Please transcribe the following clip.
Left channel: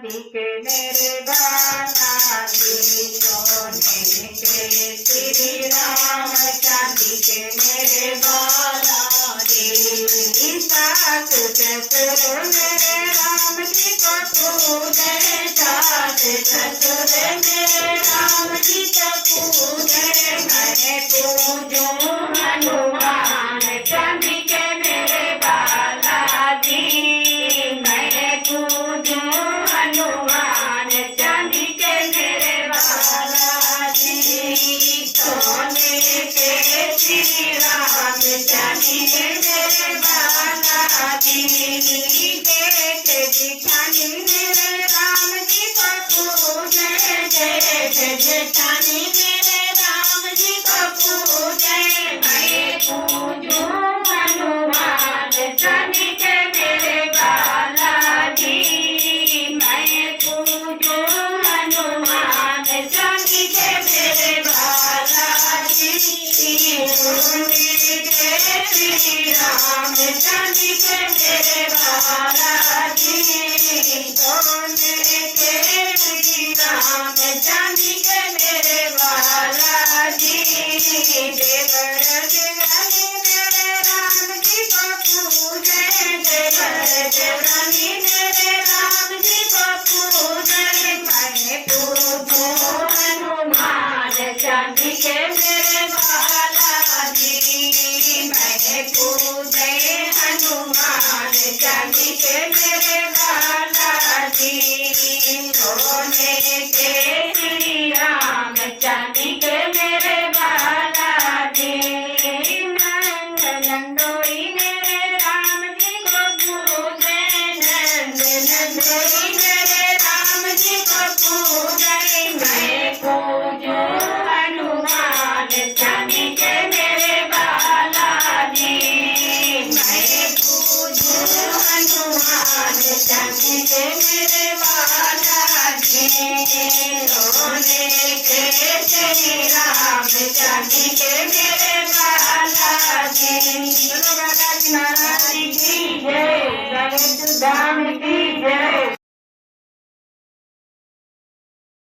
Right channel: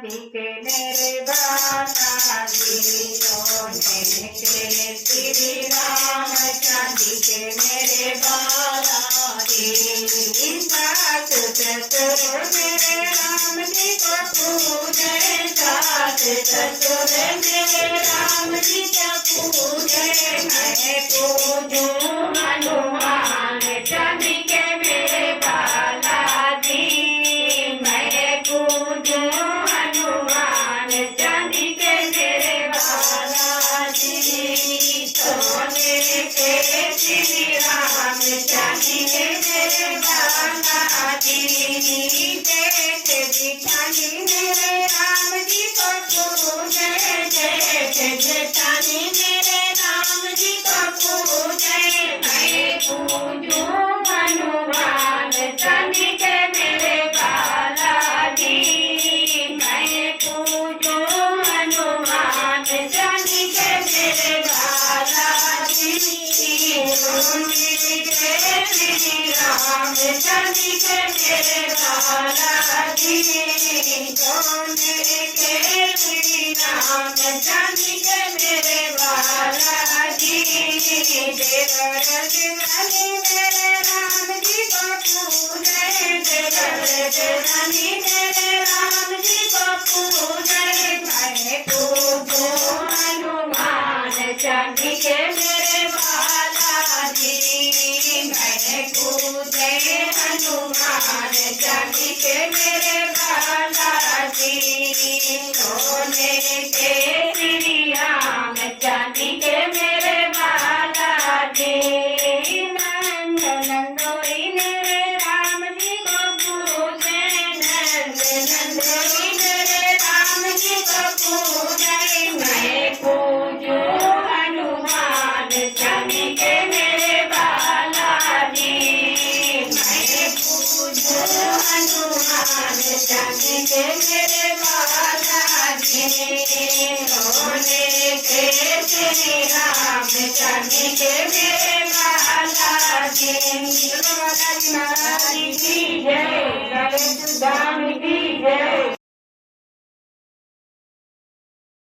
चांदी के मेरे बालाजी सोने के श्री राम चांदी के मेरे बालाजी सास ससुर मेरे राम जी को पूजे सास ससुर मेरे राम जी को पूजे मैं पूजूं हनुमान चांदी के मेरे बालाजी मैं पूजूं हनुमान चांदी के मेरे बालाजी सोने के श्री राम चांदी के मेरे बालाजी चांदी मेरे राम जी को पूजे चांदी मेरे राम जी को पूजे मैं पूजूं हनुमान चांदी के मेरे बालाजी मैं पूजूं हनुमान चांदी के मेरे बालाजी सोने के श्री राम चांदी के मेरे बालाजी सोने के श्री राम चांदी के मेरे बालाजी देवर देवानी मेरे राम जी को पूजे देवर देवानी मेरे राम जी को पूजे मैं पूजूं हनुमान चांदी के मेरे बालाजी मैं पूजे हनुमान चांदी के मेरे बालाजी सोने के श्री राम चांदी के मेरे बालाजी नंदोई मेरे राम जी को पूजे नंदोई मेरे राम जी को पूजे मैं पूजूं हनुमान चांदी के मेरे बालाजी मैं पूजूं हनुमान चांदी के मेरे बालाजी सोने के श्री राम चांदी के मेरे बालाजी महाराज की जय जय सुदाम की